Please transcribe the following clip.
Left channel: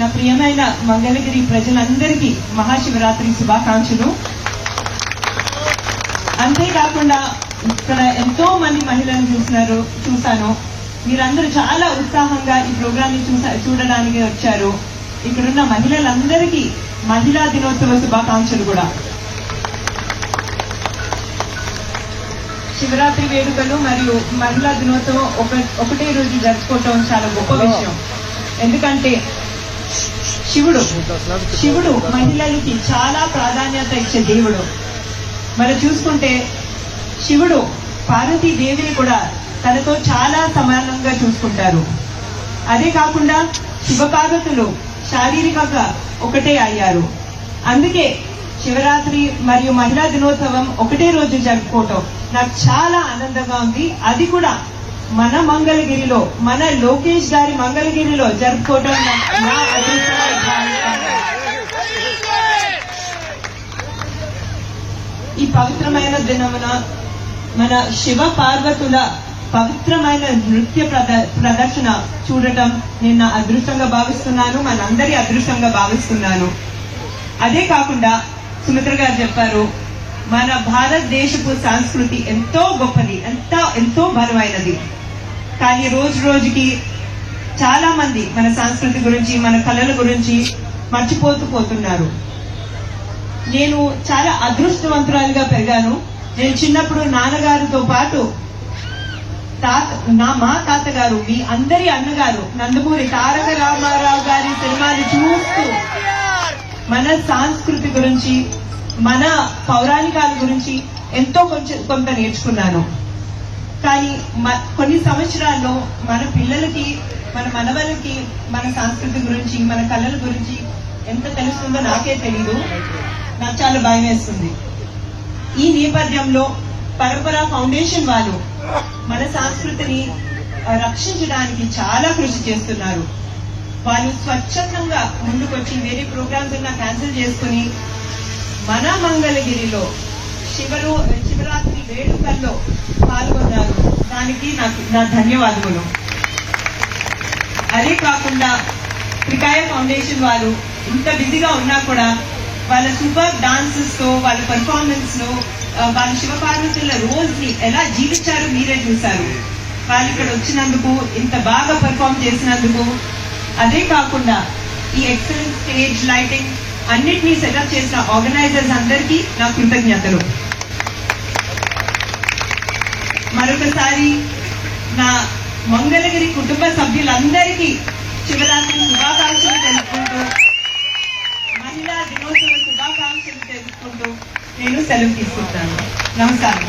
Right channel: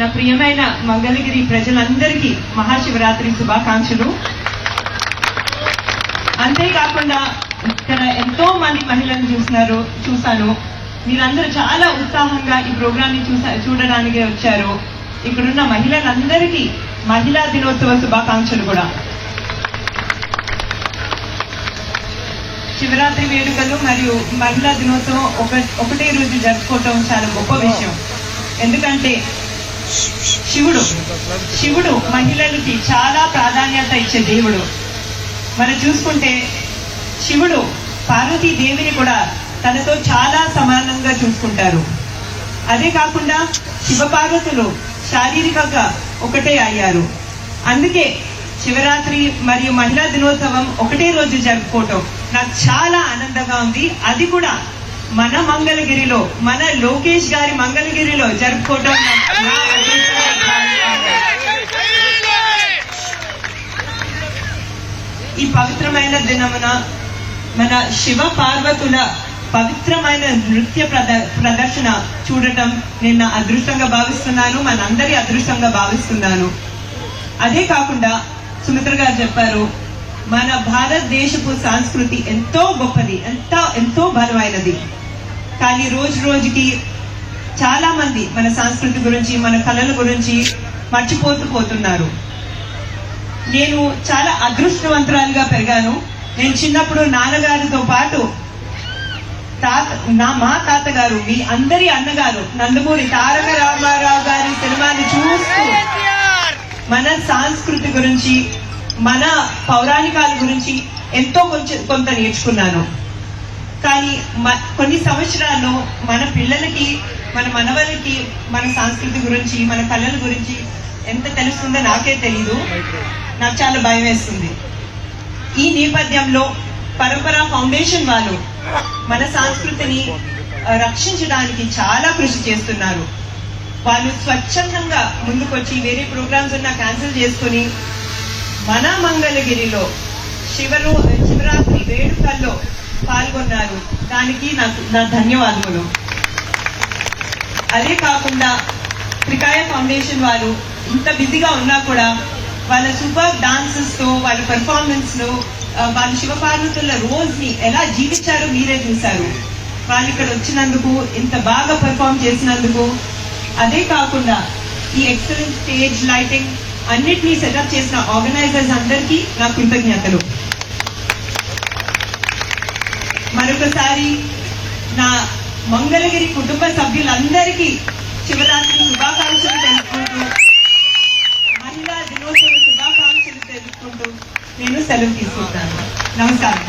నా ప్రియమైన మంగళగిరి ప్రజలందరికీ మహాశివరాత్రి శుభాకాంక్షలు. అంతేకాకుండా ఇక్కడ ఎంతో మంది మహిళలను చూశాను. మీరందరూ చాలా ఉత్సాహంగా ఈ ప్రోగ్రామ్ ని చూడడానికి వచ్చారు. ఇక్కడున్న మహిళలందరికీ మహిళా దినోత్సవ శుభాకాంక్షలు కూడా. శివరాత్రి వేడుకలు మరియు మహిళా దినోత్సవం ఒకటే రోజు జరుపుకోవటం చాలా గొప్ప విషయం. ఎందుకంటే శివుడు మహిళలకి చాలా ప్రాధాన్యత ఇచ్చే దేవుడు. మనం చూసుకుంటే శివుడు పార్వతీదేవిని కూడా తనతో చాలా సమానంగా చూసుకుంటారు. అదే కాకుండా శివపార్వతులు శారీరకంగా ఒకటే అయ్యారు. అందుకే శివరాత్రి మరియు మహిళా దినోత్సవం ఒకటే రోజు జరుపుకోవటం నాకు చాలా ఆనందంగా ఉంది. అది కూడా మన మంగళగిరిలో, మన లోకేష్ గారి మంగళగిరిలో జరుపుకోవటం నా అదృష్టంగా భావిస్తున్నాను. ఈ పవిత్రమైన దినమున మన శివ పార్వతుల పవిత్రమైన నృత్య ప్రదర్శన చూడటం నేను నా అదృష్టంగా భావిస్తున్నాను, మనందరి అదృష్టంగా భావిస్తున్నాను. అదే కాకుండా సుమిత్ర గారు చెప్పారు, మన భారతదేశపు సంస్కృతి ఎంతో గొప్పది, ఎంతో బలమైనది. కానీ రోజు రోజుకి చాలా మంది మన సంస్కృతి గురించి, మన కళల గురించి మర్చిపోతున్నారు. నేను చాలా అదృష్టవంతురాలుగా పెరిగాను. నేను చిన్నప్పుడు నాన్నగారితో పాటు మా తాతగారు, మీ అందరి అన్నగారు నందమూరి తారక రామారావు గారి సినిమాని చూస్తూ మన సంస్కృతి గురించి, మన పౌరాణికాల గురించి ఎంతో కొంత నేర్చుకున్నాను. కానీ కొన్ని సంవత్సరాల్లో మన పిల్లలకి, మన మనవలకి మన సంస్కృతి గురించి, మన కళల గురించి ఎంత తెలుస్తుందో నాకే తెలీదు. నాకు చాలా భయం వేస్తుంది. ఈ నేపథ్యంలో పరంపరా ఫౌండేషన్ వాళ్ళు మన సంస్కృతిని రక్షించడానికి చాలా కృషి చేస్తున్నారు. వాళ్ళు స్వచ్ఛందంగా ముందుకొచ్చి వేరే ప్రోగ్రామ్స్ ఉన్నా క్యాన్సిల్ చేసుకుని మన మంగళగిరిలో శివరాత్రి వేడుకల్లో పాల్గొన్నారు. దానికి నా ధన్యవాదములు. అదే కాకుండా త్రికాయ ఫౌండేషన్ వారు ఇంత బిజీగా ఉన్నా కూడా వాళ్ళ సూపర్ డాన్సెస్ తో, వాళ్ళ పెర్ఫార్మెన్స్ లో వాళ్ళ శివపార్వతుల రోల్ ని ఎలా జీవించారు మీరే చూశారు. వాళ్ళు ఇక్కడ వచ్చినందుకు, ఇంత బాగా పెర్ఫార్మ్ చేసినందుకు, అదే కాకుండా ఈ ఎక్సలెంట్ స్టేజ్ లైటింగ్ అన్నిటినీ సెటప్ చేసిన ఆర్గనైజర్స్ అందరికీ నా కృతజ్ఞతలు. మరొకసారి నా మంగళగిరి కుటుంబ సభ్యులందరికీ శివరాత్రి శుభాకాంక్షలు తెలుపుకుంటూ, మహిళా దినోత్సవ శుభాకాంక్షలు తెలుపుకుంటూ నేను సెలవు తీసుకుంటాను. నమస్కారం.